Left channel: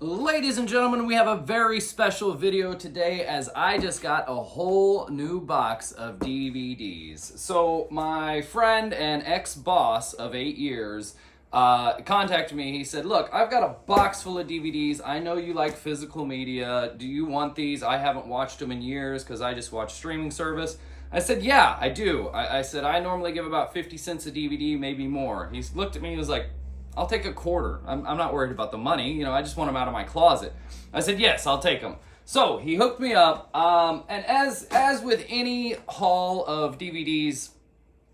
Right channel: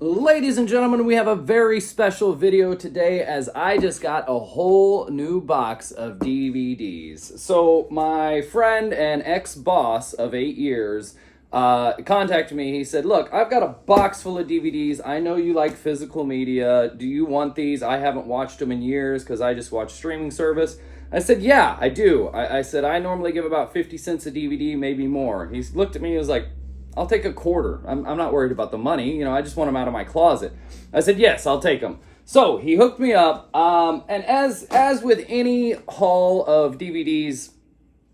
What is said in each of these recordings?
Ladies and gentlemen, we have a very special video today as I just got a whole new box of DVDs. So my friend and ex-boss of 8 years contacted me. He said, look, I've got a box full of DVDs. I know you like physical media. Do you want these? I haven't watched them in years because I just watch streaming service. I said, yeah, I do. I said, I normally give about 50 cents a DVD, maybe more. He looked at me, he was like, I'll take a quarter. I'm not worried about the money. You know, I just want them out of my closet. I said, yes, I'll take them. So he hooked me up. And as with any haul of DVDs,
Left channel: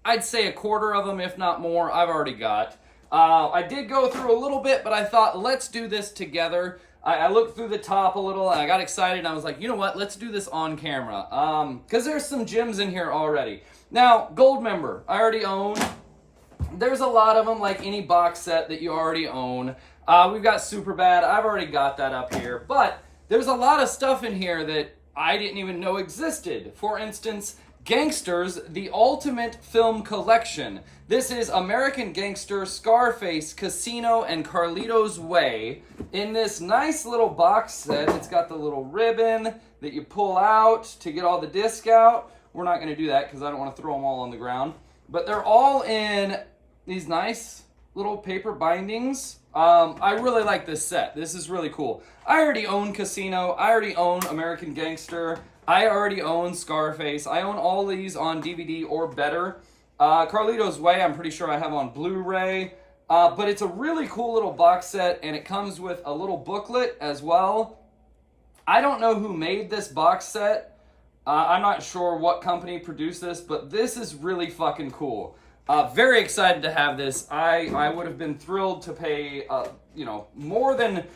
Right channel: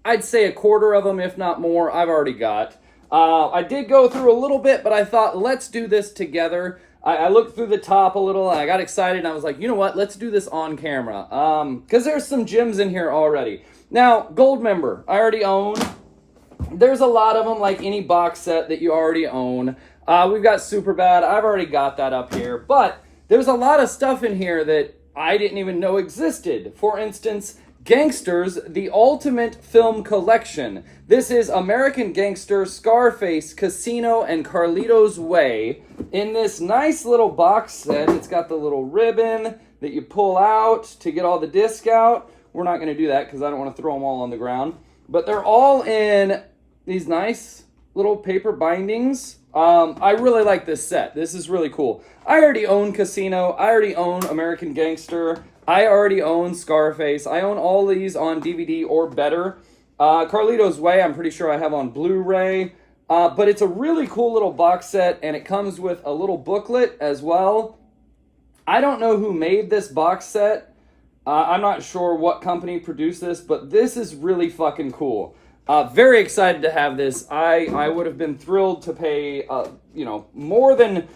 I'd say a quarter of them, if not more, I've already got. I did go through a little bit, but I thought, let's do this together. I looked through the top a little, and I got excited, and I was like, you know what? Let's do this on camera. Because there's some gems in here already. Now, Gold member, I already own. There's a lot of them, like any box set that you already own. We've got Superbad. I've already got that up here. But there's a lot of stuff in here that I didn't even know existed. For instance, Gangsters, the Ultimate Film Collection. This is American Gangster, Scarface, Casino, and Carlito's Way in this nice little box set. It's got the little ribbon that you pull out to get all the disc out. We're not going to do that because I don't want to throw them all on the ground. But they're all in these nice little paper bindings. I really like this set. This is really cool. I already own Casino. I already own American Gangster. I already own Scarface. I own all these on DVD or better. Carlito's Way, I'm pretty sure I have on Blu-ray. But it's a really cool little box set, and it comes with a little booklet as well. I don't know who made this box set. I'm not sure what company produced this, but this is really fucking cool. Very excited to have this. I would have been thrilled to pay, more than...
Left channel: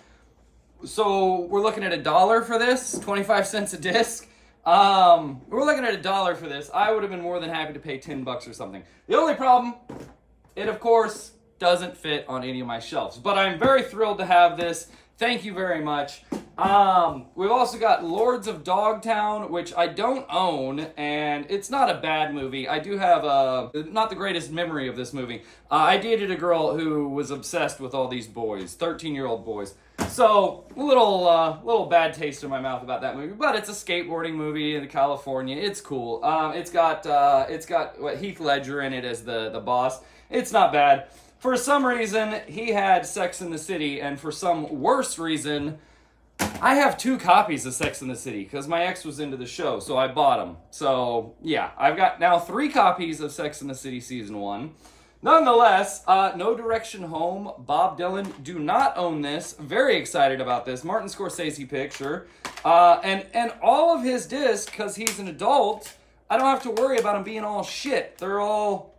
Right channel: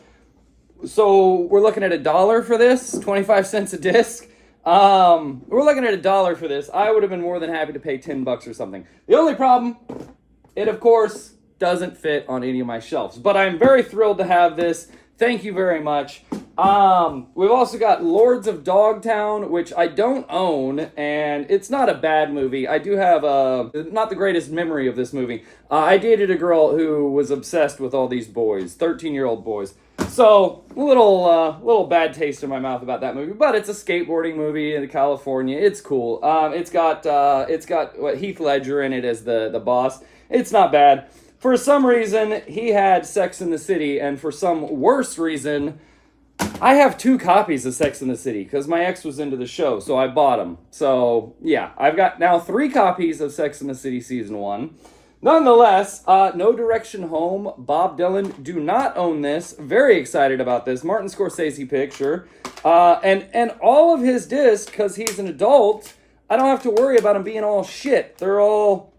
So we're looking at $1 for this, 25 cents a disc. We're looking at $1 for this. I would have been more than happy to pay $10 or something. The only problem, it of course doesn't fit on any of my shelves. But I'm very thrilled to have this. Thank you very much. We've also got Lords of Dogtown, which I don't own, and it's not a bad movie. I do have not the greatest memory of this movie. I dated a girl who was obsessed with all these boys, 13-year-old boys. So, a little bad taste in my mouth about that movie, but it's a skateboarding movie in California. It's cool. It's got Heath Ledger in it as the boss. It's not bad. For some reason, he had Sex and the City, and for some worse reason, I have 2 copies of Sex and the City, because my ex was into the show, so I bought them. So, yeah, I've got now 3 copies of Sex and the City Season 1. Nonetheless, No Direction Home, Bob Dylan, do not own this. Very excited about this. Martin Scorsese picture. And all of his discs, because he's an adult, I don't have to worry about them being all shit. They're all...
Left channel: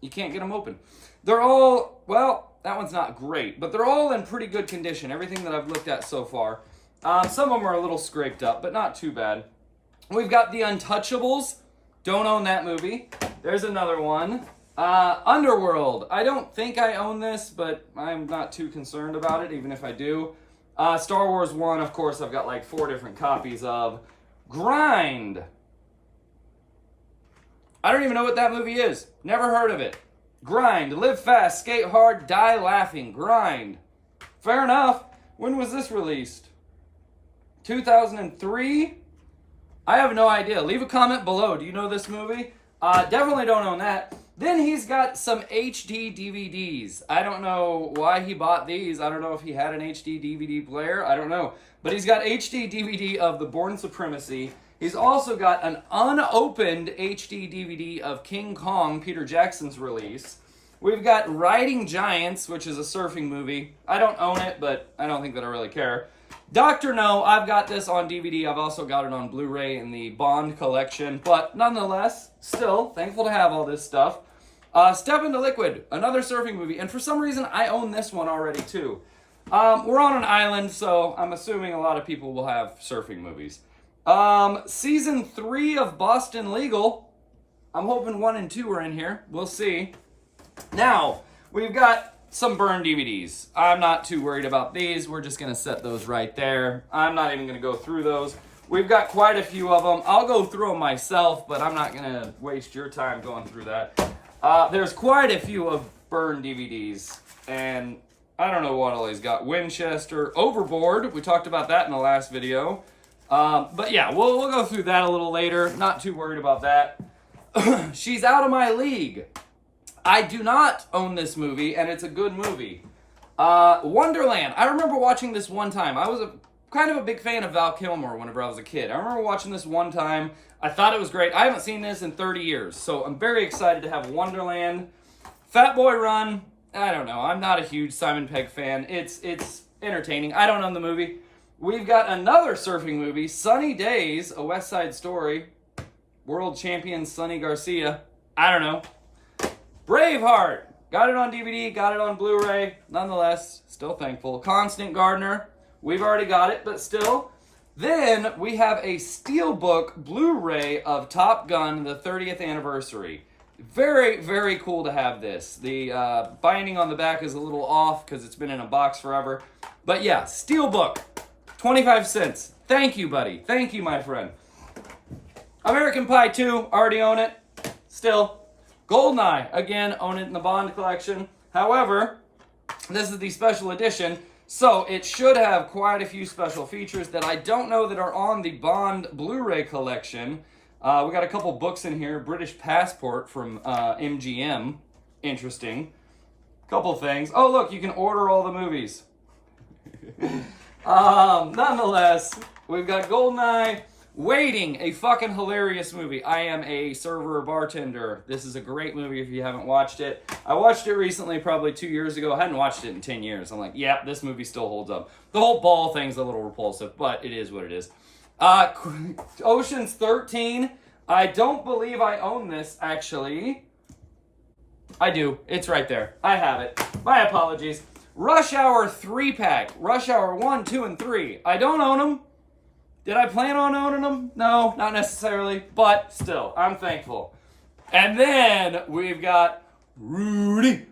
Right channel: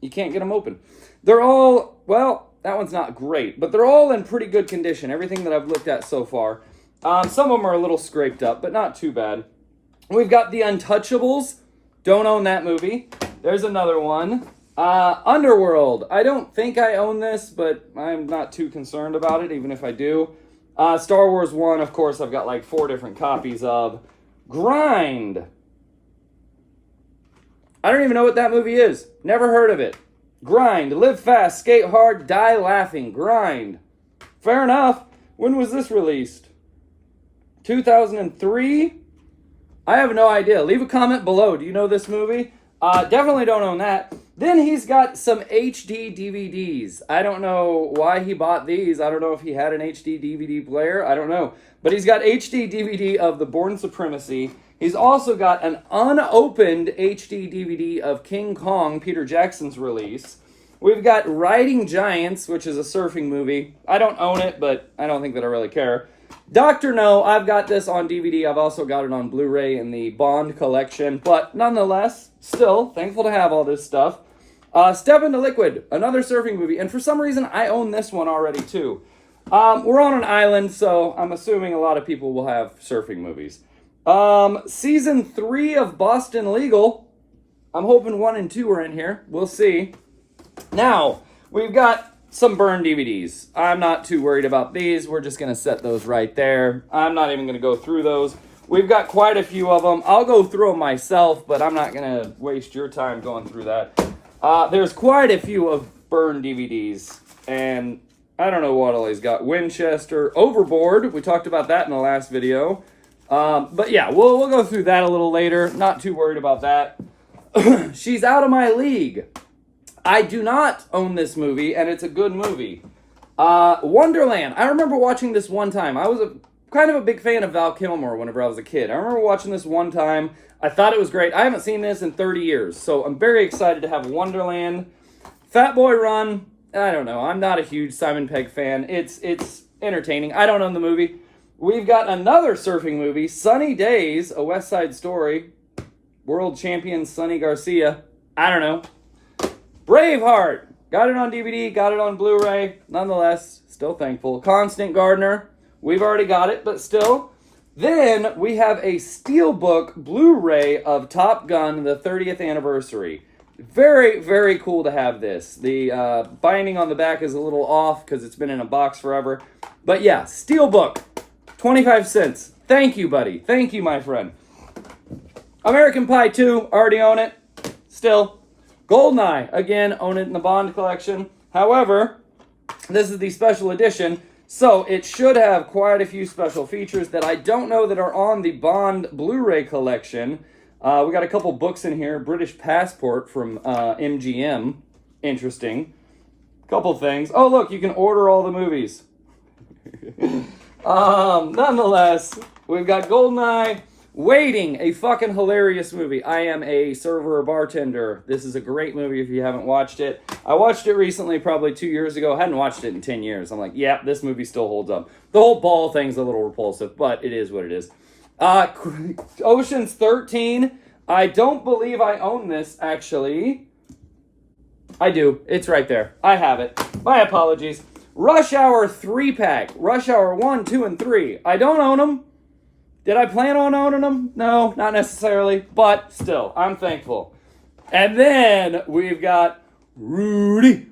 You can't get them open. They're all, well, that one's not great, but they're all in pretty good condition, everything that I've looked at so far. Some of them are a little scraped up, but not too bad. We've got The Untouchables. Don't own that movie. There's another one. Underworld. I don't think I own this, but I'm not too concerned about it, even if I do. Star Wars 1, of course, I've got like 4 different copies of. Grind. I don't even know what that movie is. Never heard of it. Grind. Live fast, skate hard, die laughing. Grind. Fair enough. When was this released? 2003? I have no idea. Leave a comment below. Do you know this movie? Definitely don't own that. Then he's got some HD DVDs. I don't know why he bought these. I don't know if he had an HD DVD player. I don't know. But he's got HD DVD of The Bourne Supremacy. He's also got an unopened HD DVD of King Kong, Peter Jackson's release. We've got Riding Giants, which is a surfing movie. I don't own it, but I don't think that I really care. Dr. No, I've got this on DVD. I've also got it on Blu-ray in the Bond collection. But nonetheless, still thankful to have all this stuff. Step into Liquid, another surfing movie. And for some reason, I own this one already, too. We're on an island, so I'm assuming a lot of people will have surfing movies. Season 3 of Boston Legal. I'm hoping 1 and 2 are in here. We'll see. Now, we've got some Burn DVDs. I'm not too worried about these. We're just going to set those right there. I'm not even going to go through those. We've got quite a few of them. I'll go through them myself, but I'm not going to waste your time going through that. There's quite a few of Burn DVDs, and I don't know what all he's got. Winchester, Overboard. We talked about that in the last video. But yeah, we'll go through that a little later. Not too worried about that. She's Out of My League. I do not own this movie, and it's a good movie. Wonderland. I remember watching this one time. I was kind of a big fan of Val Kilmer whenever I was a kid. I remember watching this one time. I thought it was great. I haven't seen this in 30 years, so I'm very excited to have Wonderland. Fat Boy Run. I don't know. I'm not a huge Simon Pegg fan. It's entertaining. I don't own the movie. We've got another surfing movie, Sunny Days, A West Side Story. World champion Sonny Garcia. I don't know. Braveheart. Got it on DVD, got it on Blu-ray. Nonetheless, still thankful. Constant Gardener. We've already got it, but still. Then we have a Steelbook Blu-ray of Top Gun, the 30th anniversary. Very, very cool to have this. The binding on the back is a little off because it's been in a box forever. But yeah, Steelbook. 25 cents. Thank you, buddy. Thank you, my friend. American Pie 2. Already own it. Still. Goldmine, again, own it in the Bond collection. However, this is the special edition, so it should have quite a few special features that I don't know that are on the Bond Blu-ray collection. We got a couple books in here. British Passport from MGM. Interesting. Couple things. Oh, look, you can order all the movies. Nonetheless, we've got Goldeneye. Waiting, a fucking hilarious movie. I am a server or bartender. This is a great movie if you haven't watched it. I watched it recently, probably 2 years ago. I hadn't watched it in 10 years. I'm like, yeah, this movie still holds up. The whole ball thing's a little repulsive, but it is what it is. Ocean's 13. I don't believe I own this, actually. I do. It's right there. I have it. My apologies. Rush Hour 3-pack. Rush Hour 1, 2, and 3. I don't own them. Did I plan on owning them? No, not necessarily, but still, I'm thankful. And then we've got Rudy.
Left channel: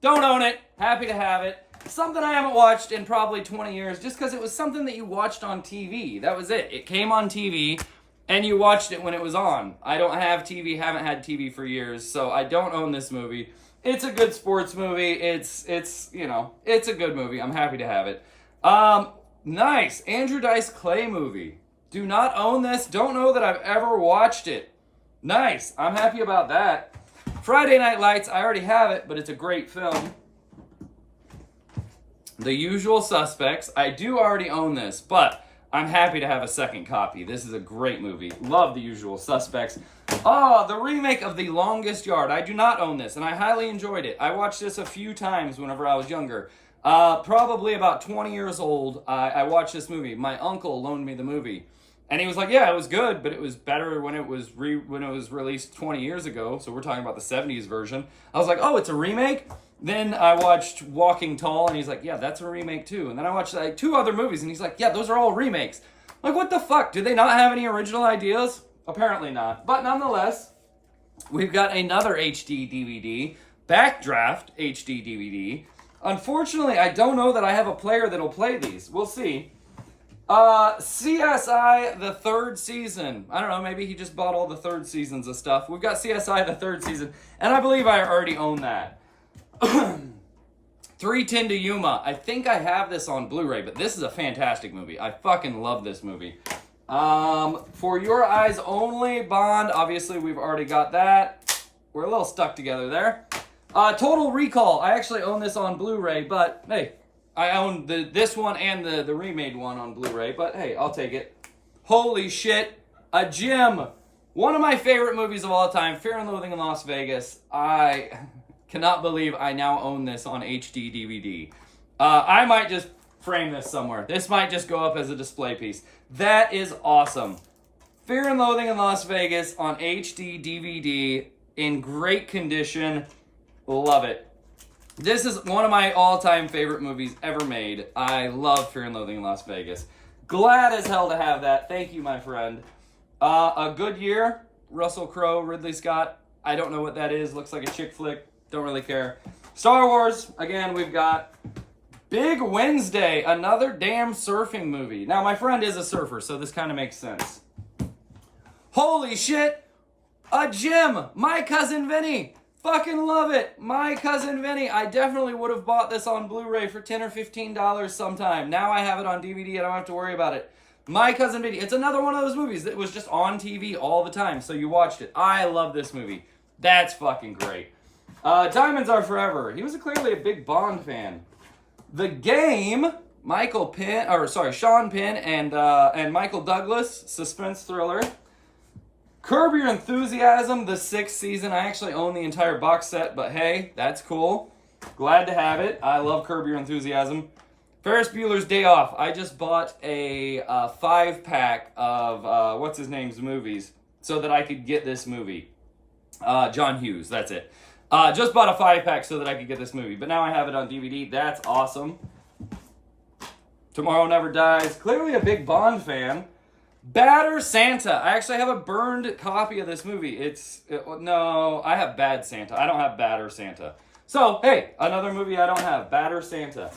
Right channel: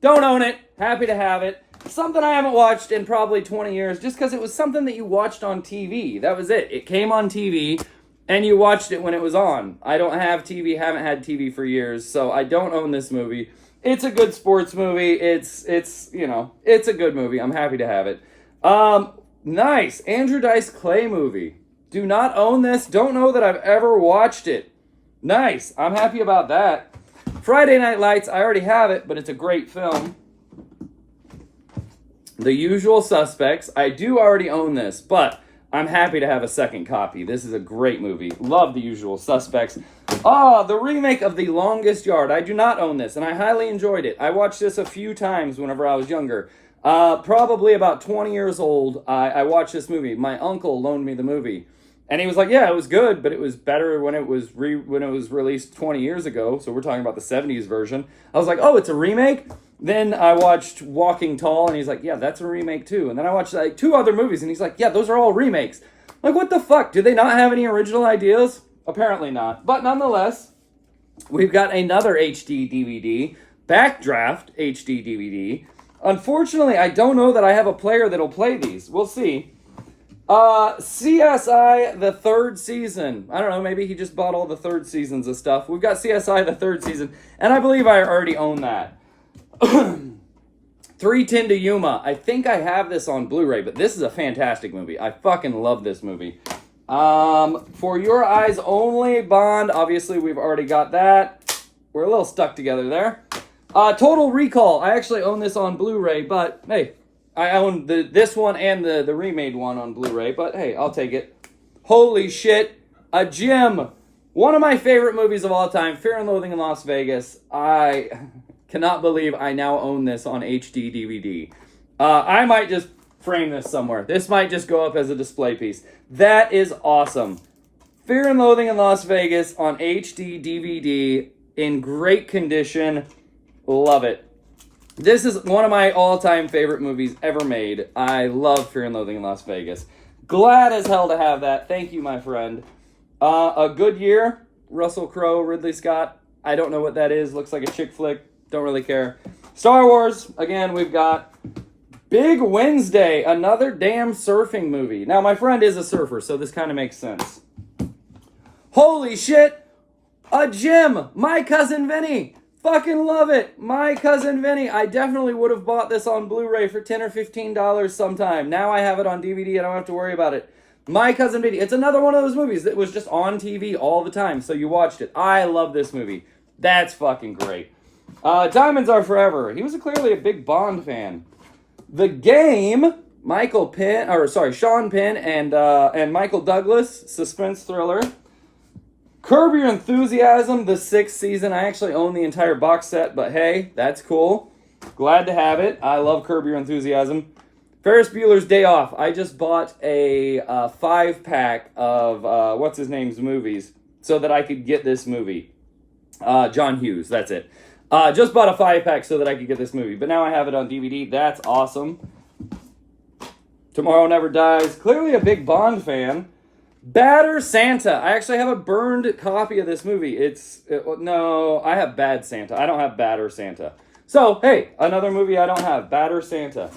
Don't own it. Happy to have it. Something I haven't watched in probably 20 years, just because it was something that you watched on TV. That was it. It came on TV, and you watched it when it was on. I don't have TV, haven't had TV for years, so I don't own this movie. It's a good sports movie. It's a good movie. I'm happy to have it. Nice. Andrew Dice Clay movie. Do not own this. Don't know that I've ever watched it. Nice. I'm happy about that. Friday Night Lights. I already have it, but it's a great film. The Usual Suspects. I do already own this, but I'm happy to have a second copy. This is a great movie. Love The Usual Suspects. The remake of The Longest Yard. I do not own this, and I highly enjoyed it. I watched this a few times whenever I was younger. Probably about 20 years old, I watched this movie. My uncle loaned me the movie. And he was like, yeah, it was good, but it was better when it was released 20 years ago. So we're talking about the 70s version. I was like, oh, it's a remake? Then I watched Walking Tall, and he's like, yeah, that's a remake too. And then I watched like 2 other movies, and he's like, yeah, those are all remakes. I'm like, what the fuck? Do they not have any original ideas? Apparently not. But nonetheless, we've got another HD DVD, Backdraft HD DVD. Unfortunately, I don't know that I have a player that'll play these. We'll see. CSI, the 3rd season. I don't know, maybe he just bought all the 3rd seasons of stuff. We've got CSI, the 3rd season, and I believe I already own that. 310 to Yuma. I think I have this on Blu-ray, but this is a fantastic movie. I fucking love this movie. For Your Eyes Only, Bond. Obviously, we've already got that. We're a little stuck together there. Total Recall. I actually own this on Blu-ray, but hey, I own this one and the remade one on Blu-ray, but hey, I'll take it. Holy shit. A Gym. One of my favorite movies of all time, Fear and Loathing in Las Vegas. I cannot believe I now own this on HD DVD. I might just frame this somewhere. This might just go up as a display piece. That is awesome. Fear and Loathing in Las Vegas on HD DVD in great condition. Love it. This is one of my all-time favorite movies ever made. I love Fear and Loathing in Las Vegas. Glad as hell to have that. Thank you, my friend. A Good Year. Russell Crowe, Ridley Scott. I don't know what that is. Looks like a chick flick. Don't really care. Star Wars. Again, we've got Big Wednesday. Another damn surfing movie. Now, my friend is a surfer, so this kind of makes sense. Holy shit. A Gym. My Cousin Vinny. Fucking love it. My Cousin Vinny. I definitely would have bought this on Blu-ray for $10 or $15 sometime. Now I have it on DVD. I don't have to worry about it. My Cousin Vinny. It's another one of those movies that was just on TV all the time, so you watched it. I love this movie. That's fucking great. Diamonds Are Forever. He was clearly a big Bond fan. The Game. Sean Penn and Michael Douglas. Suspense thriller. Curb Your Enthusiasm, the 6th season. I actually own the entire box set, but hey, that's cool. Glad to have it. I love Curb Your Enthusiasm. Ferris Bueller's Day Off. I just bought a 5-pack of what's-his-name's movies so that I could get this movie. John Hughes, that's it. Just bought a 5-pack so that I could get this movie, but now I have it on DVD. That's awesome. Tomorrow Never Dies. Clearly a big Bond fan. Badder Santa. I actually have a burned copy of this movie. No, I have Bad Santa. I don't have Badder Santa. So, hey, another movie I don't have. Badder Santa.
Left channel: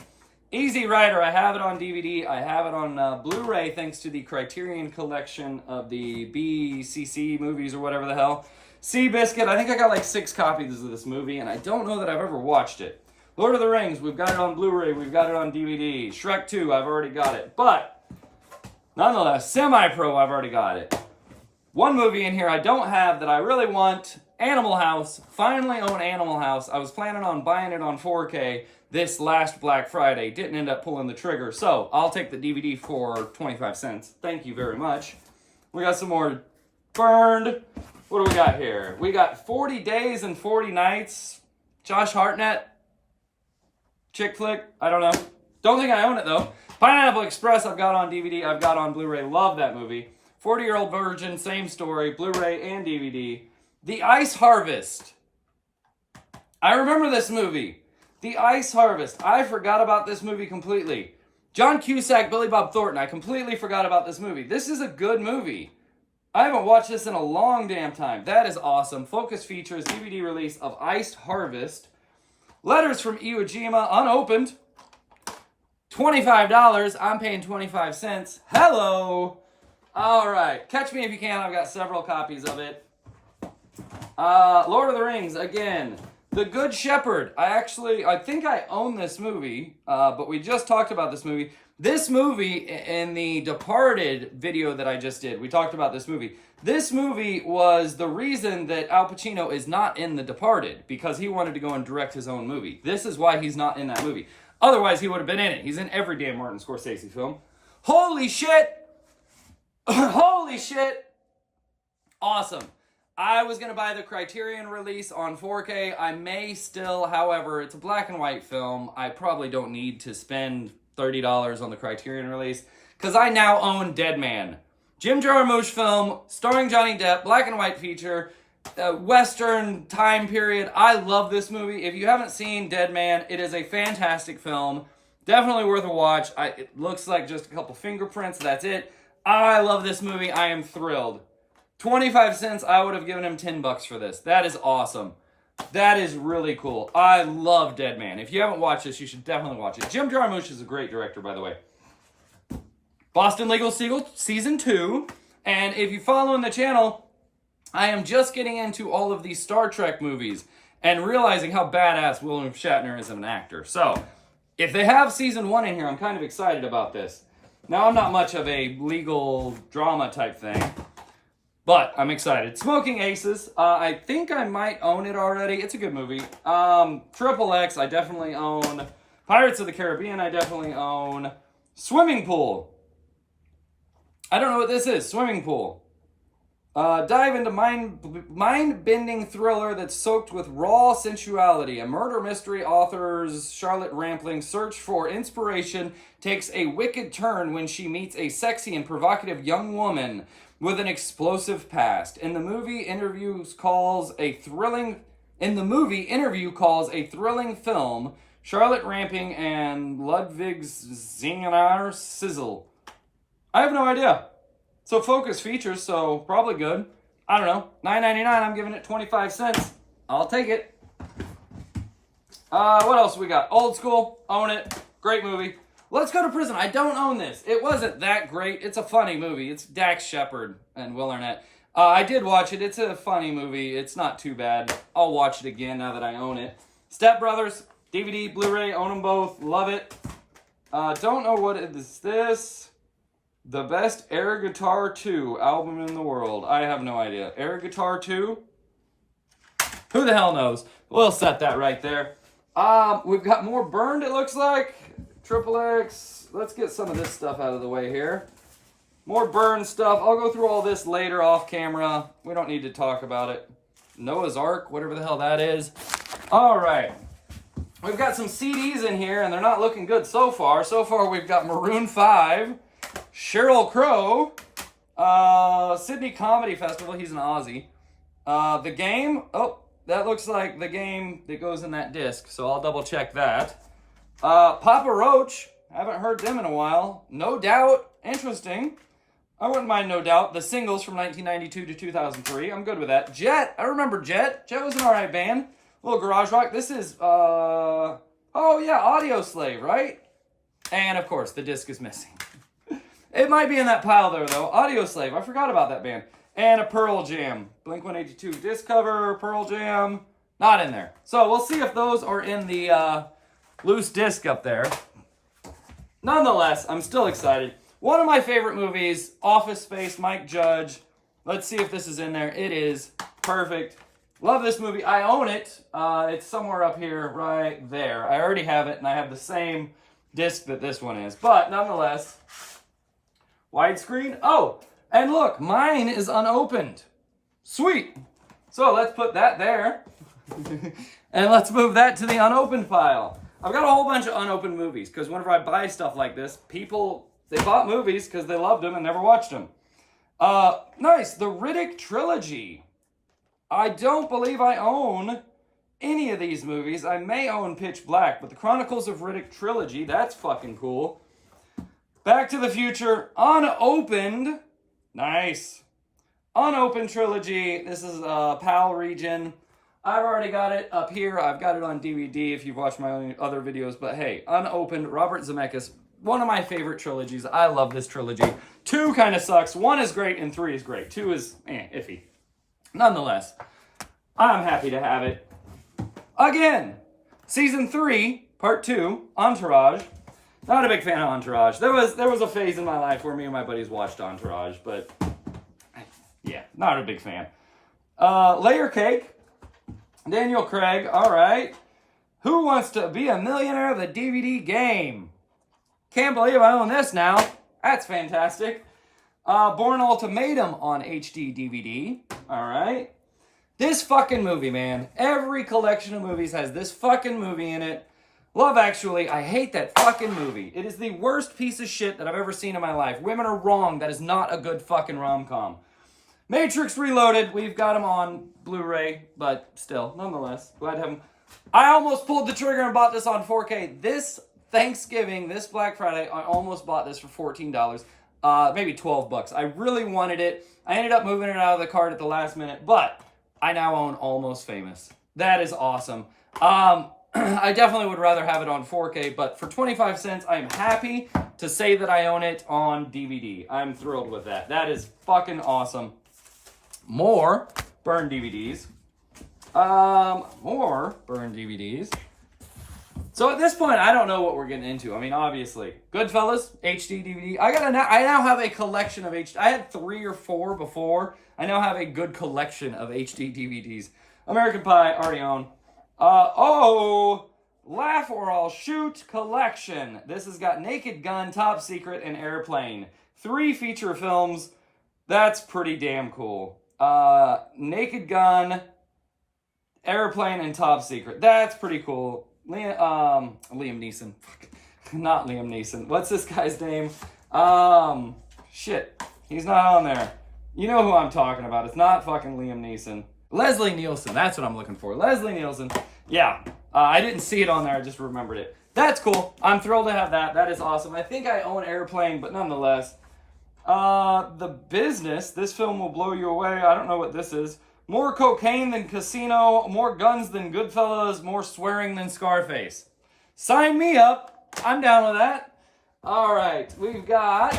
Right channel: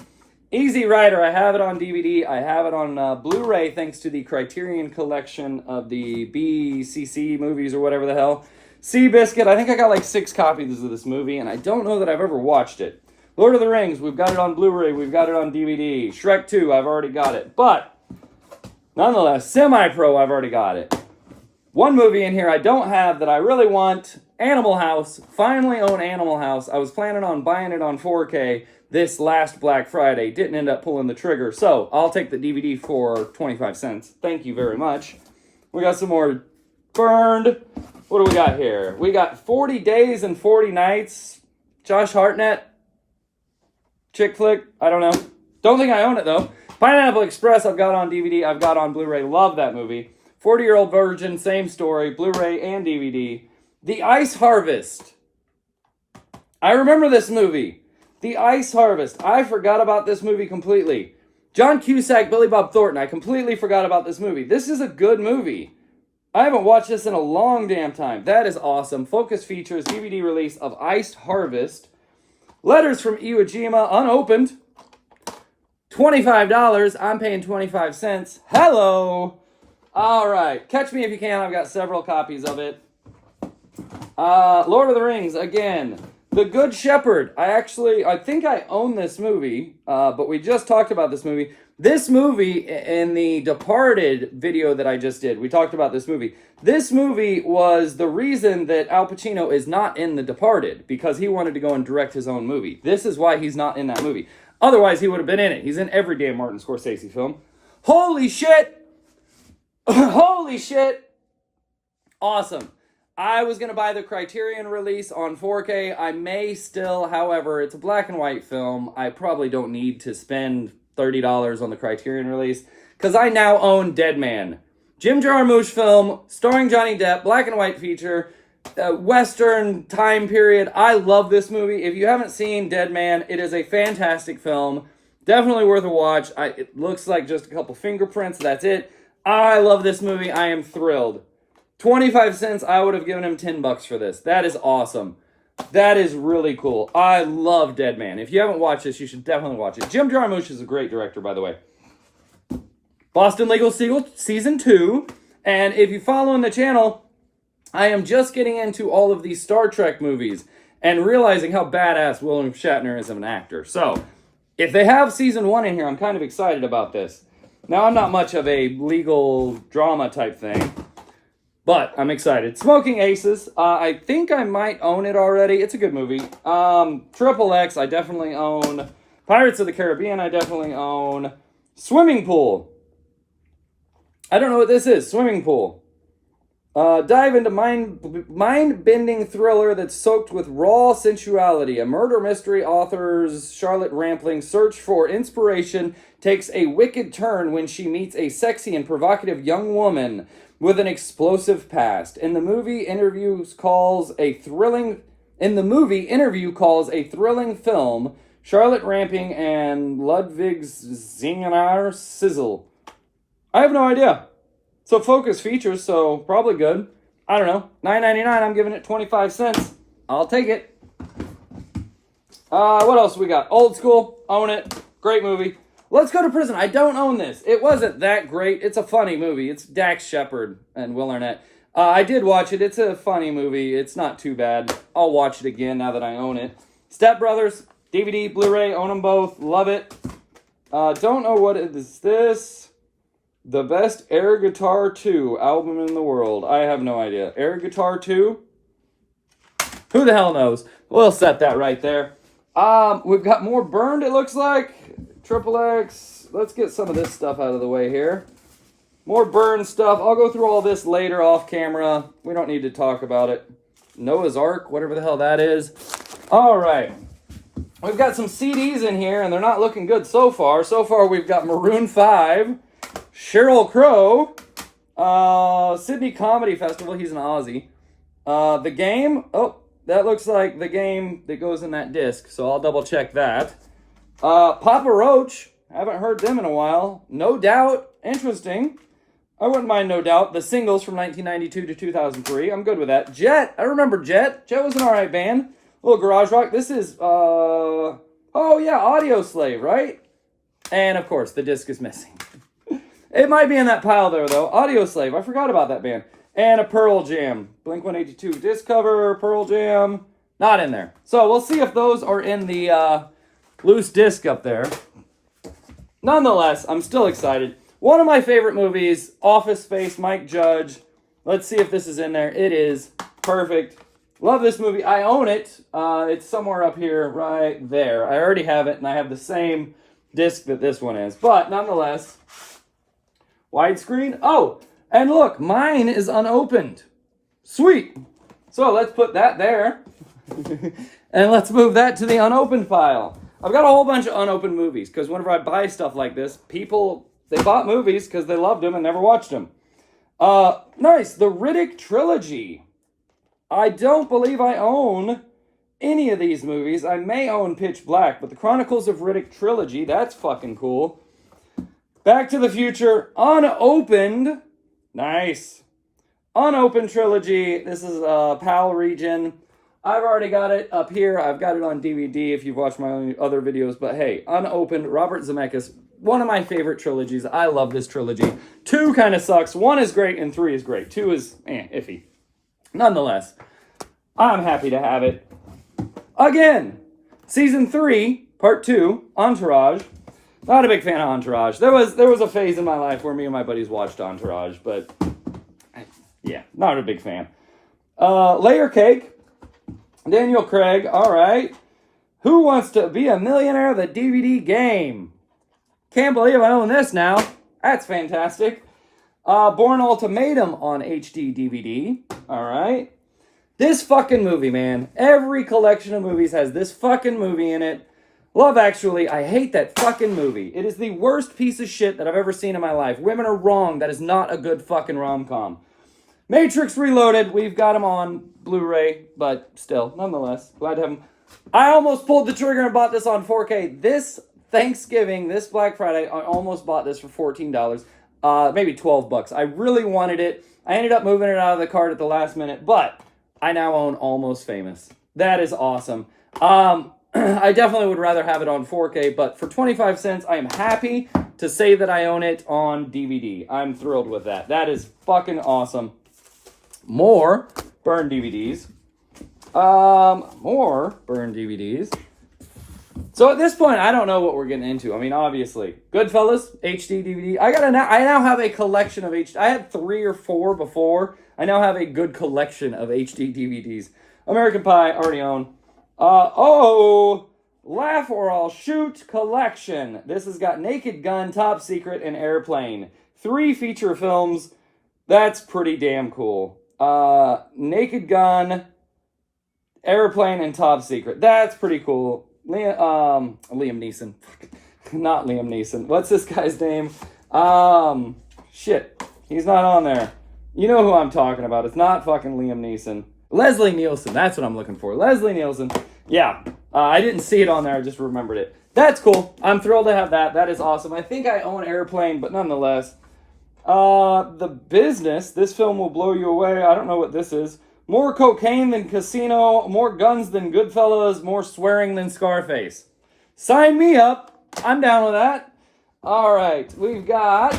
Easy Rider. I have it on DVD. I have it on Blu-ray thanks to the Criterion collection of the BCC movies or whatever the hell. Seabiscuit. I think I got like 6 copies of this movie, and I don't know that I've ever watched it. Lord of the Rings. We've got it on Blu-ray. We've got it on DVD. Shrek 2. I've already got it. But nonetheless, Semi-Pro, I've already got it. One movie in here I don't have that I really want, Animal House. Finally own Animal House. I was planning on buying it on 4K this last Black Friday. Didn't end up pulling the trigger, so I'll take the DVD for 25 cents. Thank you very much. We got some more burned. What do we got here? We got 40 Days and 40 Nights. Josh Hartnett. Chick flick. I don't know. Don't think I own it, though. Pineapple Express, I've got on DVD, I've got on Blu-ray, love that movie. 40-Year-Old Virgin, same story, Blu-ray and DVD. The Ice Harvest. I remember this movie. The Ice Harvest. I forgot about this movie completely. John Cusack, Billy Bob Thornton, I completely forgot about this movie. This is a good movie. I haven't watched this in a long damn time. That is awesome. Focus Features, DVD release of Ice Harvest. Letters from Iwo Jima, unopened. $25. I'm paying 25 cents. Hello. All right. Catch Me If You Can. I've got several copies of it. Lord of the Rings, again. The Good Shepherd. I think I own this movie, but we just talked about this movie. This movie, in the Departed video that I just did, we talked about this movie. This movie was the reason that Al Pacino is not in The Departed, because he wanted to go and direct his own movie. This is why he's not in that movie. Otherwise, he would have been in it. He's in every damn Martin Scorsese film. Holy shit! Holy shit! Awesome. I was going to buy the Criterion release on 4K. I may still, however, it's a black and white film. I probably don't need to spend $30 on the Criterion release, because I now own Dead Man. Jim Jarmusch film, starring Johnny Depp, black and white feature. Western time period. I love this movie. If you haven't seen Dead Man, it is a fantastic film. Definitely worth a watch. It looks like just a couple fingerprints. That's it. I love this movie. I am thrilled. 25 cents. I would have given him $10 for this. That is awesome. That is really cool. I love Dead Man. If you haven't watched this, you should definitely watch it. Jim Jarmusch is a great director, by the way. Boston Legal Season 2. And if you follow in the channel, I am just getting into all of these Star Trek movies and realizing how badass William Shatner is as an actor. So, if they have Season 1 in here, I'm kind of excited about this. Now, I'm not much of a legal drama type thing, but I'm excited. Smoking Aces. I think I might own it already. It's a good movie. Triple X, I definitely own. Pirates of the Caribbean, I definitely own. Swimming Pool. I don't know what this is. Swimming Pool. Dive into mind-bending thriller that's soaked with raw sensuality. A murder mystery author's Charlotte Rampling's search for inspiration takes a wicked turn when she meets a sexy and provocative young woman with an explosive past. In the movie, interview calls a thrilling film. Charlotte Rampling and Ludwig Zingenar Sizzle. I have no idea. So Focus Features, so probably good. I don't know. $9.99, I'm giving it 25 cents. I'll take it. What else we got? Old School, own it. Great movie. Let's Go to Prison. I don't own this. It wasn't that great. It's a funny movie. It's Dax Shepard and Will Arnett. I did watch it. It's a funny movie. It's not too bad. I'll watch it again now that I own it. Step Brothers, DVD, Blu-ray, own them both. Love it. Don't know what it is. This the best air guitar 2 album in the world. I have no idea. Air guitar 2? Who the hell knows? We'll set that right there. We've got more burned, it looks like. Triple X. Let's get some of this stuff out of the way here. More burn stuff. I'll go through all this later off camera. We don't need to talk about it. Noah's Ark, whatever the hell that is. All right. We've got some CDs in here, and they're not looking good so far. So far, we've got Maroon 5, Sheryl Crow, Sydney Comedy Festival. He's an Aussie. The Game. Oh, that looks like the game that goes in that disc, so I'll double check that. Papa Roach. Haven't heard them in a while. No Doubt. Interesting. I wouldn't mind No Doubt. The singles from 1992 to 2003. I'm good with that. Jet. I remember Jet. Jet was an alright band. A little garage rock. This is, oh yeah, Audio Slave, right? And of course, the disc is missing. It might be in that pile there, though. Audio Slave. I forgot about that band. And a Pearl Jam. Blink-182 disc cover, Pearl Jam. Not in there. So we'll see if those are in the loose disc up there. Nonetheless, I'm still excited. One of my favorite movies, Office Space, Mike Judge. Let's see if this is in there. It is. Perfect. Love this movie. I own it. It's somewhere up here right there. I already have it, and I have the same disc that this one is. But nonetheless, widescreen. Oh, and look, mine is unopened. Sweet. So let's put that there. And let's move that to the unopened pile. I've got a whole bunch of unopened movies, because whenever I buy stuff like this, people, they bought movies because they loved them and never watched them. Nice. The Riddick Trilogy. I don't believe I own any of these movies. I may own Pitch Black, but the Chronicles of Riddick Trilogy, that's fucking cool. Back to the Future, unopened. Nice. Unopened trilogy. This is PAL region. I've already got it up here. I've got it on DVD if you've watched my other videos. But hey, unopened, Robert Zemeckis. One of my favorite trilogies. I love this trilogy. 2 kind of sucks. 1 is great and 3 is great. 2 is iffy. Nonetheless, I'm happy to have it. Again, Season 3, Part 2, Entourage. Not a big fan of Entourage. There was a phase in my life where me and my buddies watched Entourage, but yeah, not a big fan. Layer Cake, Daniel Craig, all right. Who Wants to Be a Millionaire? The DVD game. Can't believe I own this now. That's fantastic. Bourne Ultimatum on HD DVD. All right. This fucking movie, man. Every collection of movies has this fucking movie in it. Love Actually. I hate that fucking movie. It is the worst piece of shit that I've ever seen in my life. Women Are Wrong. That is not a good fucking rom-com. Matrix Reloaded. We've got them on Blu-ray, but still, nonetheless, glad to have them. I almost pulled the trigger and bought this on 4K. This Thanksgiving, this Black Friday, I almost bought this for $14. Maybe $12. I really wanted it. I ended up moving it out of the cart at the last minute, but I now own Almost Famous. That is awesome. I definitely would rather have it on 4K, but for 25 cents, I am happy to say that I own it on DVD. I'm thrilled with that. That is fucking awesome. More burn DVDs. More burn DVDs. So at this point, I don't know what we're getting into. I mean, obviously, Goodfellas, HD DVD. I now have a collection of HD. I had 3 or 4 before. I now have a good collection of HD DVDs. American Pie, already own. Laugh or I'll Shoot collection. This has got Naked Gun, Top Secret, and Airplane. 3 feature films. That's pretty damn cool. Naked Gun, Airplane, and Top Secret. That's pretty cool. Liam Neeson. Not Liam Neeson. What's this guy's name? Shit. He's not on there. You know who I'm talking about. It's not fucking Liam Neeson. Leslie Nielsen. That's what I'm looking for. Leslie Nielsen. Yeah. I didn't see it on there. I just remembered it. That's cool. I'm thrilled to have that. That is awesome. I think I own Airplane, but nonetheless. The Business. This film will blow you away. I don't know what this is. More cocaine than Casino. More guns than Goodfellas. More swearing than Scarface. Sign me up. I'm down with that. All right. We've got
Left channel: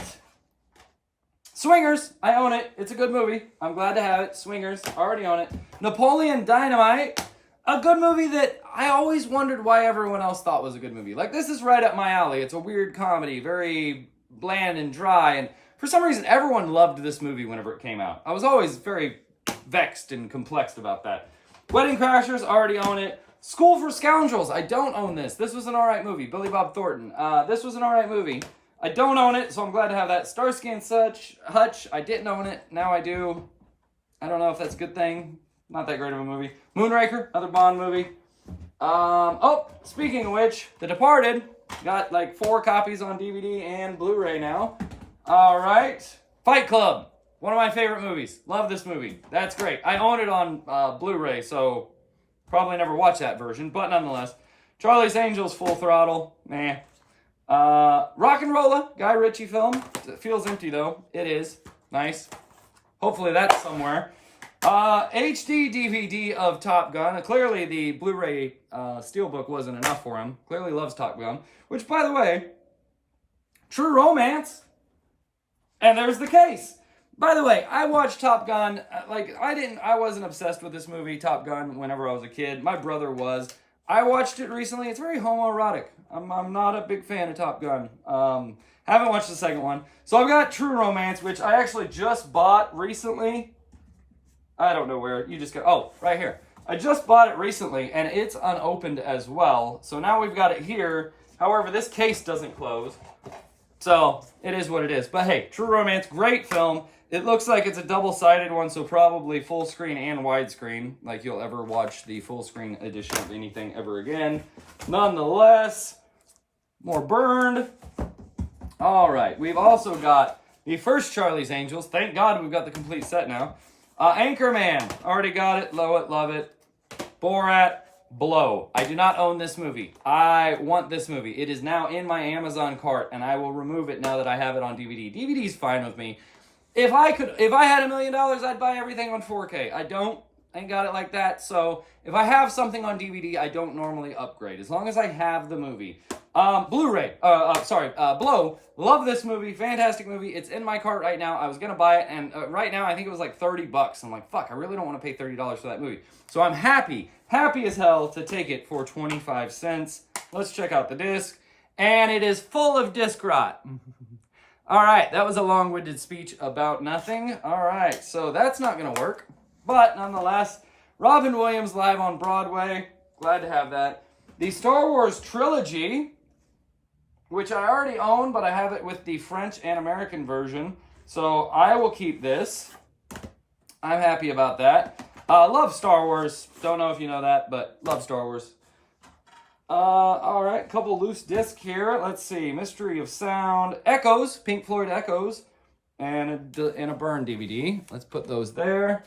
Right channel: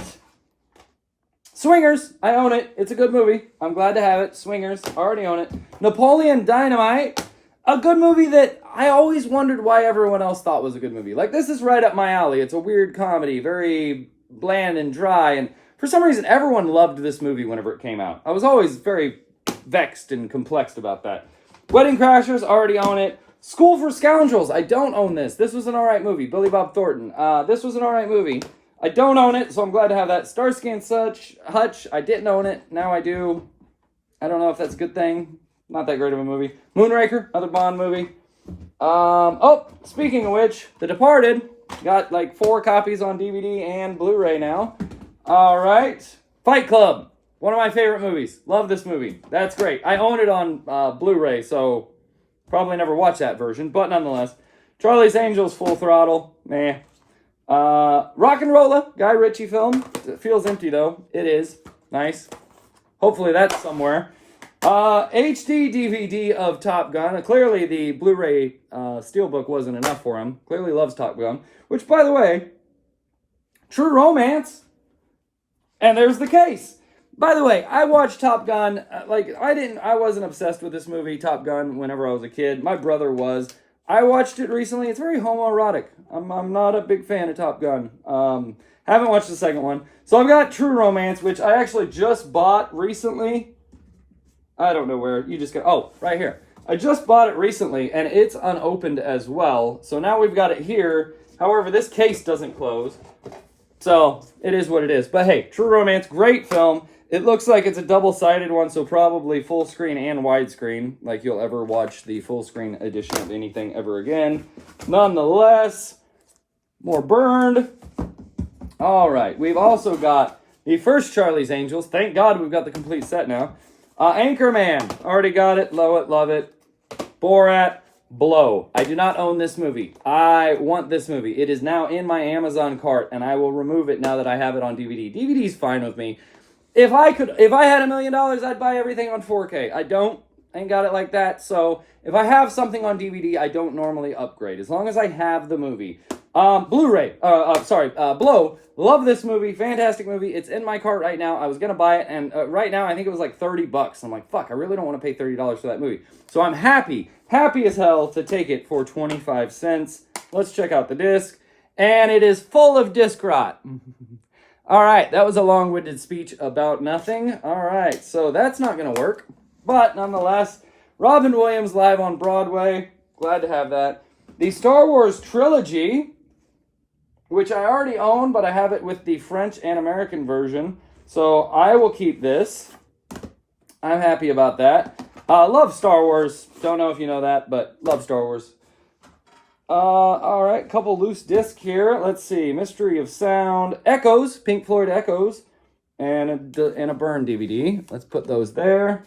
Swingers, I own it. It's a good movie. I'm glad to have it. Swingers, already own it. Napoleon Dynamite, a good movie that I always wondered why everyone else thought was a good movie. Like, this is right up my alley. It's a weird comedy, very bland and dry, and for some reason, everyone loved this movie whenever it came out. I was always very vexed and complexed about that. Wedding Crashers, already own it. School for Scoundrels, I don't own this. This was an alright movie. Billy Bob Thornton. This was an alright movie. I don't own it, so I'm glad to have that. Starsky and Hutch, I didn't own it. Now I do. I don't know if that's a good thing. Not that great of a movie. Moonraker, another Bond movie. Speaking of which, The Departed. Got like 4 copies on DVD and Blu-ray now. All right. Fight Club. One of my favorite movies. Love this movie. That's great. I own it on Blu-ray, so probably never watch that version, but nonetheless. Charlie's Angels, Full Throttle. Meh. Rock and Rolla, Guy Ritchie film. It feels empty, though. It is. Nice. Hopefully that's somewhere. HD DVD of Top Gun. Clearly the Blu-ray Steelbook wasn't enough for him. Clearly loves Top Gun. Which, by the way, True Romance. And there's the case. By the way, I watched Top Gun. I wasn't obsessed with this movie, Top Gun, whenever I was a kid. My brother was. I watched it recently. It's very homoerotic. I'm not a big fan of Top Gun. Haven't watched the second one. So I've got True Romance, which I actually just bought recently. I don't know where. You just got... Oh, right here. I just bought it recently, and it's unopened as well. So now we've got it here. However, this case doesn't close. So it is what it is. But hey, True Romance, great film. It looks like it's a double-sided one, so probably full screen and widescreen, like you'll ever watch the full screen edition of anything ever again. Nonetheless, more Burned. All right, we've also got the first Charlie's Angels. Thank God we've got the complete set now. Anchorman, already got it, love it. Borat, blow. I do not own this movie. I want this movie. It is now in my Amazon cart, and I will remove it now that I have it on DVD. DVD's fine with me. If I had $1 million, I'd buy everything on 4K. I don't. Ain't got it like that. So if I have something on DVD, I don't normally upgrade. As long as I have the movie. Blu-ray. Blow. Love this movie. Fantastic movie. It's in my cart right now. I was going to buy it, and right now I think it was like $30. I'm like, fuck, I really don't want to pay $30 for that movie. So I'm happy as hell to take it for 25 cents. Let's check out the disc. And it is full of disc rot. All right, that was a long-winded speech about nothing. All right, so that's not going to work. But nonetheless, Robin Williams live on Broadway. Glad to have that. The Star Wars trilogy, which I already own, but I have it with the French and American version. So I will keep this. I'm happy about that. Love Star Wars. Don't know if you know that, but love Star Wars. All right, couple loose discs here. Let's see. Mystery of Sound. Echoes. Pink Floyd Echoes. And a Burn DVD. Let's put those there.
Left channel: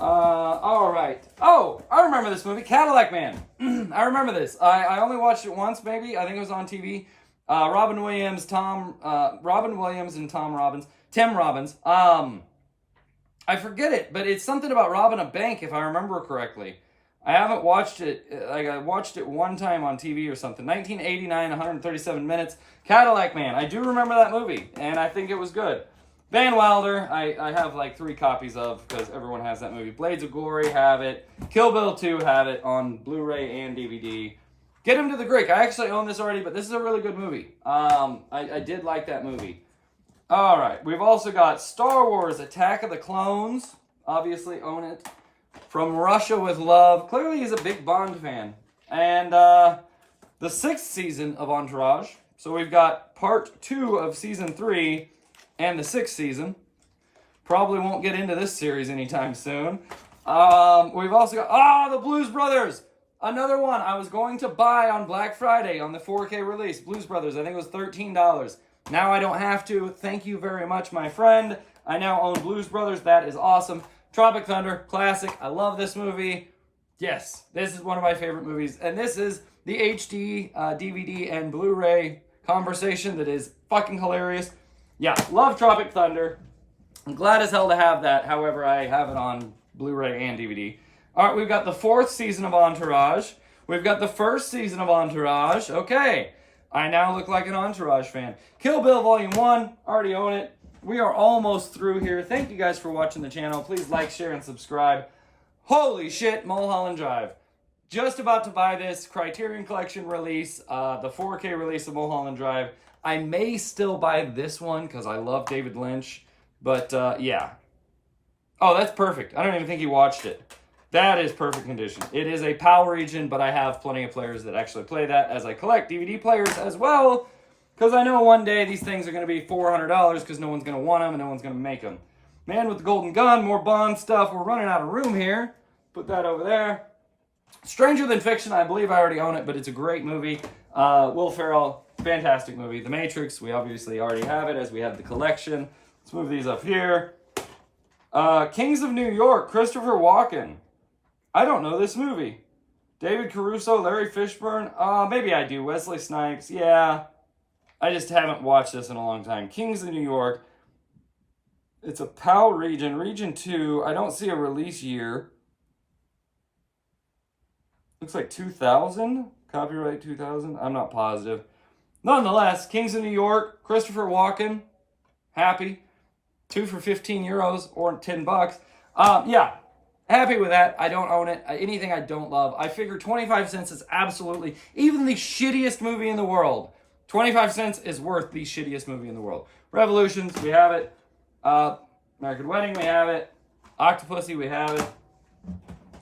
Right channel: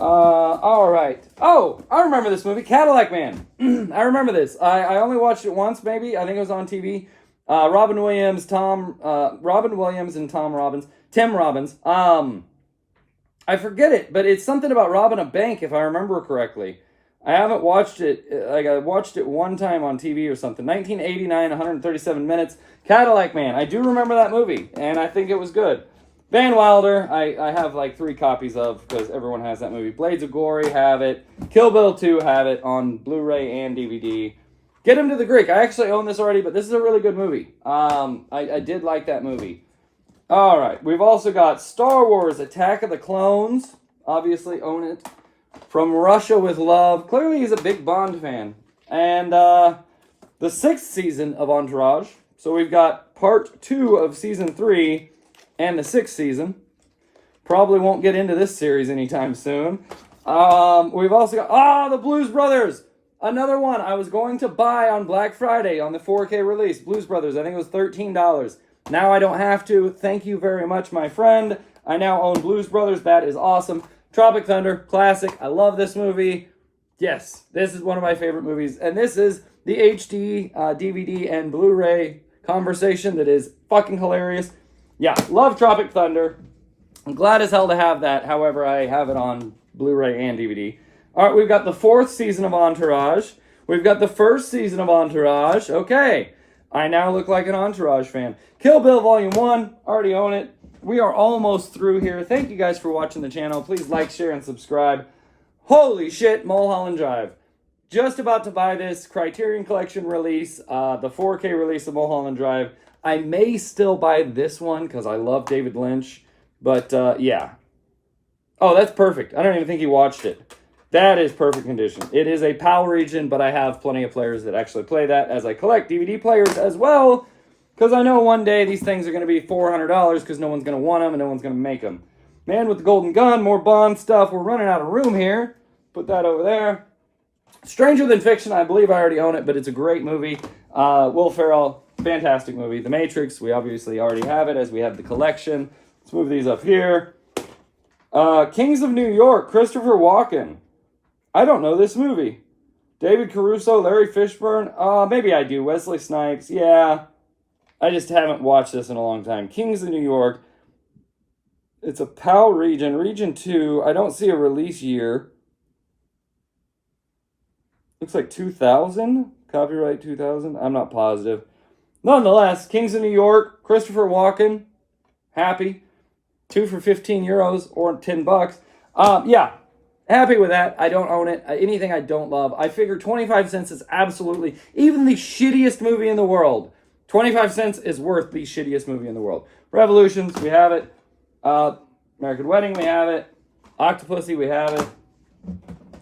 All right. Oh, I remember this movie. Cadillac Man. I remember this. I only watched it once, maybe. I think it was on TV. Robin Williams and Tim Robbins. I forget it, but it's something about robbing a bank, if I remember correctly. I haven't watched it, I watched it one time on TV or something. 1989, 137 minutes. Cadillac Man. I do remember that movie, and I think it was good. Van Wilder, I have like 3 copies of, because everyone has that movie. Blades of Glory, have it. Kill Bill 2, have it on Blu-ray and DVD. Get Him to the Greek. I actually own this already, but this is a really good movie. I did like that movie. All right, we've also got Star Wars Attack of the Clones. Obviously own it. From Russia with Love. Clearly he's a big Bond fan. And the 6th season of Entourage. So we've got part 2 of season 3 and the 6th season. Probably won't get into this series anytime soon. We've also got, the Blues Brothers. Another one I was going to buy on Black Friday on the 4K release. Blues Brothers, I think it was $13. Now I don't have to. Thank you very much, my friend. I now own Blues Brothers. That is awesome. Tropic Thunder, classic. I love this movie. Yes, this is one of my favorite movies. And this is the HD DVD and Blu-ray conversation that is fucking hilarious. Yeah, love Tropic Thunder. I'm glad as hell to have that. However, I have it on Blu-ray and DVD. All right, we've got the 4th season of Entourage. We've got the 1st season of Entourage. Okay, I now look like an Entourage fan. Kill Bill Volume 1, already own it. we are almost through here. Thank you guys for watching the channel. Please like, share, and subscribe. Holy shit, Mulholland Drive. Just about to buy this Criterion Collection release, the 4K release of Mulholland Drive. I may still buy this one because I love David Lynch. But, yeah. Oh, that's perfect. I don't even think he watched it. That is perfect condition. It is a PAL region, but I have plenty of players that actually play that as I collect DVD players as well. Because I know one day these things are going to be $400 because no one's going to want them and no one's going to make them. Man with the Golden Gun, more Bond stuff. We're running out of room here. Put that over there. Stranger Than Fiction, I believe I already own it, but it's a great movie. Will Ferrell, fantastic movie. The Matrix, we obviously already have it as we have the collection. Let's move these up here. Kings of New York, Christopher Walken. I don't know this movie. David Caruso, Larry Fishburne. Maybe I do. Wesley Snipes. Yeah. I just haven't watched this in a long time. Kings of New York. It's a PAL region. Region 2. I don't see a release year. Looks like 2000. Copyright 2000. I'm not positive. Nonetheless, Kings of New York. Christopher Walken. Happy. 2 for 15 euros or 10 bucks. Yeah, happy with that. I don't own it. Anything I don't love. I figure 25 cents is absolutely, even the shittiest movie in the world, 25 cents is worth the shittiest movie in the world. Revolutions, we have it. American Wedding, we have it. Octopussy, we have it.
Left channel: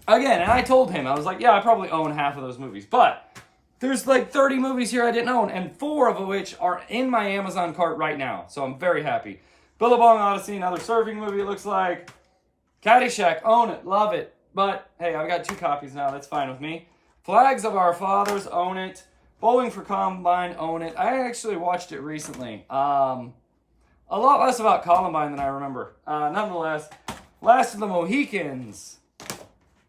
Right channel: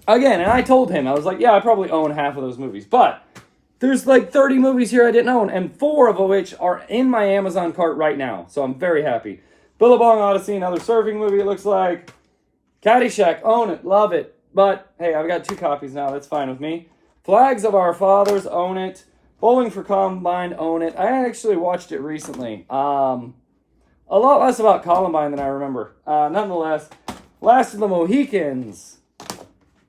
Again, and I told him, I was like, yeah, I probably own half of those movies. But there's like 30 movies here I didn't own, and 4 of which are in my Amazon cart right now. So I'm very happy. Billabong Odyssey, another surfing movie, it looks like. Caddyshack, own it, love it. But, hey, I've got 2 copies now, that's fine with me. Flags of Our Fathers, own it. Bowling for Columbine, own it. I actually watched it recently. A lot less about Columbine than I remember. Nonetheless, Last of the Mohicans.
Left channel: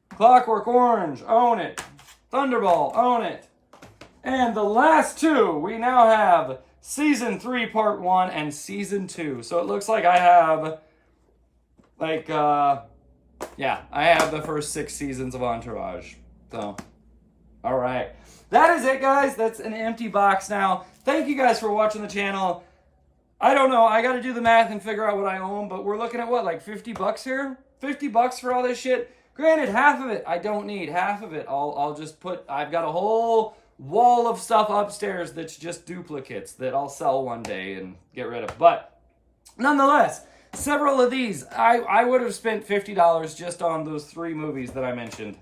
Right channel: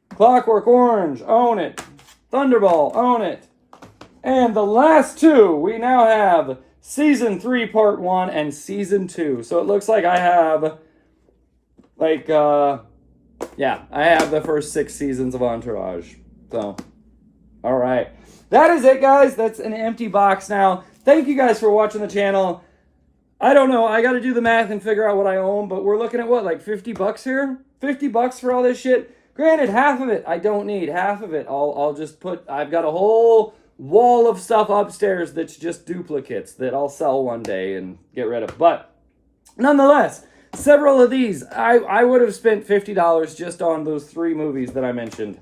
Clockwork Orange, own it. Thunderball, own it. And the last 2, we now have Season 3, Part 1, and Season 2. So it looks like I have, like, yeah, I have the first 6 seasons of Entourage. So, all right. That is it, guys. That's an empty box now. Thank you guys for watching the channel. I don't know. I got to do the math and figure out what I own, but we're looking at what, like 50 bucks here? 50 bucks for all this shit? Granted, half of it I don't need. Half of it I'll just put, I've got a whole wall of stuff upstairs that's just duplicates that I'll sell one day and get rid of. But nonetheless, several of these, I would have spent $50 just on those 3 movies that I mentioned.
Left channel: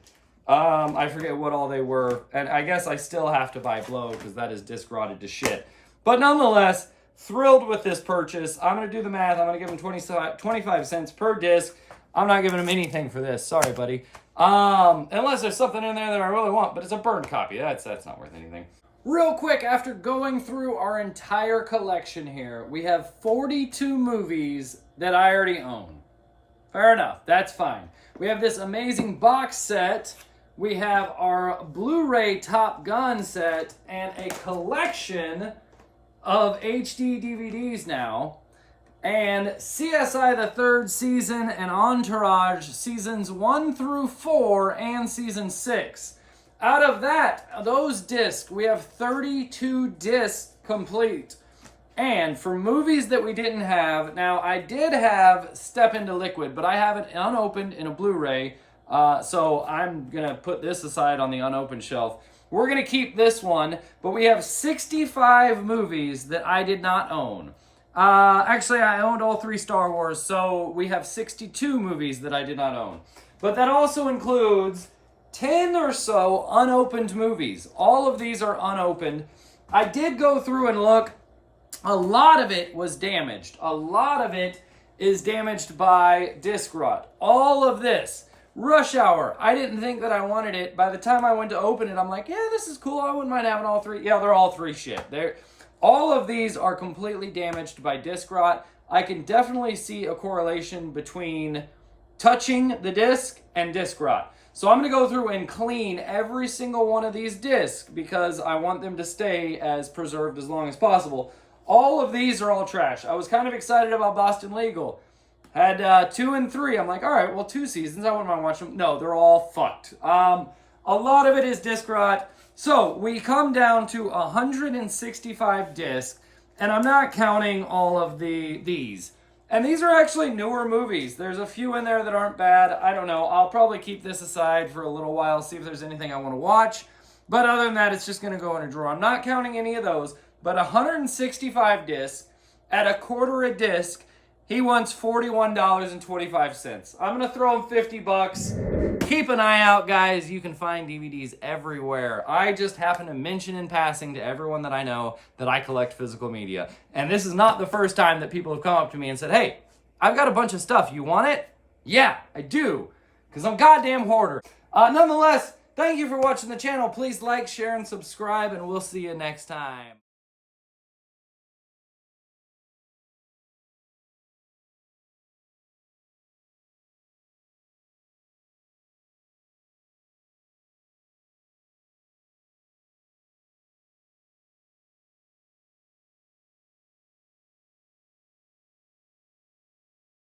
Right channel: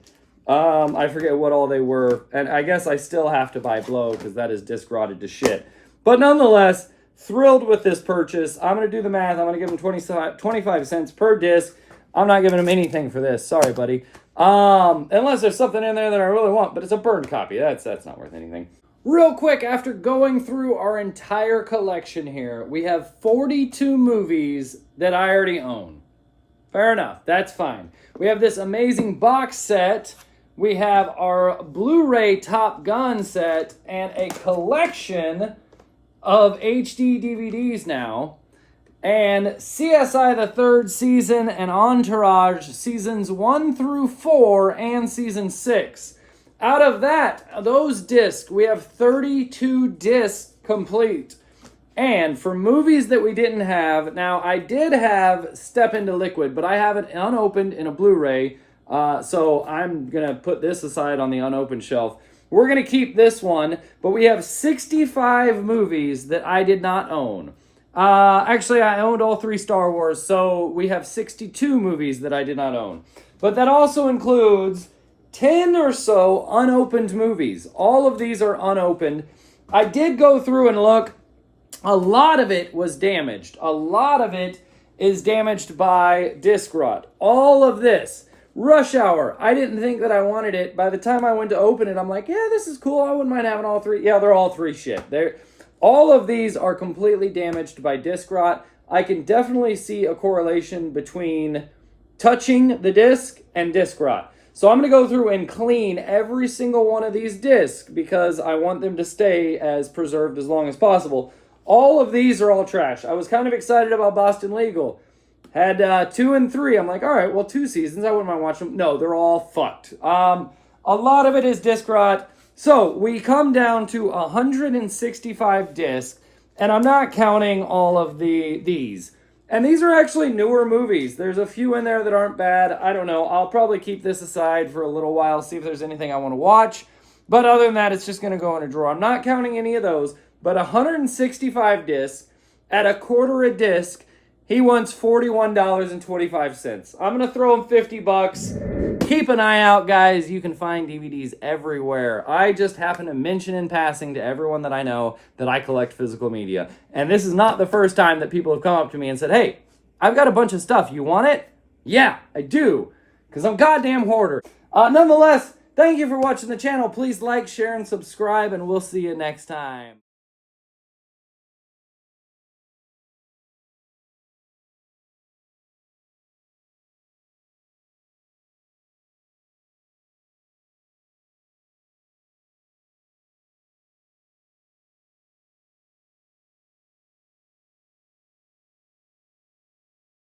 I forget what all they were, and I guess I still have to buy Blow because that is disc rotted to shit. But nonetheless, thrilled with this purchase. I'm going to do the math. I'm going to give him 25 cents per disc. I'm not giving him anything for this. Sorry, buddy. Unless there's something in there that I really want, but it's a burned copy. That's not worth anything. Real quick, after going through our entire collection here, we have 42 movies that I already own. Fair enough. That's fine. We have this amazing box set. We have our Blu-ray Top Gun set and a collection of HD DVDs now. And CSI the 3rd season and Entourage seasons 1 through 4 and season 6. Out of that, those discs, we have 32 discs complete. And for movies that we didn't have, now I did have Step Into Liquid, but I have it unopened in a Blu-ray, so I'm going to put this aside on the unopened shelf. We're going to keep this one, but we have 65 movies that I did not own. Actually, I owned all 3 Star Wars, so we have 62 movies that I did not own. But that also includes 10 or so unopened movies. All of these are unopened. I did go through and look. A lot of it was damaged. A lot of it is damaged by disc rot. All of this. Rush Hour. I didn't think that I wanted it. By the time I went to open it, I'm like, yeah, this is cool. I wouldn't mind having all 3. Yeah, they're all 3 shit. All of these are completely damaged by disc rot. I can definitely see a correlation between touching the disc and disc rot. So I'm going to go through and clean every single one of these discs because I want them to stay as preserved as long as possible. All of these are all trash. I was kind of excited about Boston Legal. Had 2 and 3. I'm like, all right, well, 2 seasons. I wouldn't mind watching them. No, they're all fucked. A lot of it is disc rot. So we come down to 165 discs, and I'm not counting all of these. And these are actually newer movies. There's a few in there that aren't bad. I don't know. I'll probably keep this aside for a little while, see if there's anything I want to watch. But other than that, it's just going to go in a drawer. I'm not counting any of those, but 165 discs at a quarter a disc, he wants $41.25. I'm going to throw him 50 bucks. Keep an eye out, guys. You can find DVDs everywhere. I just happen to mention in passing to everyone that I know that I collect physical media. And this is not the first time that people have come up to me and said, hey, I've got a bunch of stuff. You want it? Yeah, I do. Because I'm a goddamn hoarder. Nonetheless, thank you for watching the channel. Please like, share, and subscribe, and we'll see you next time.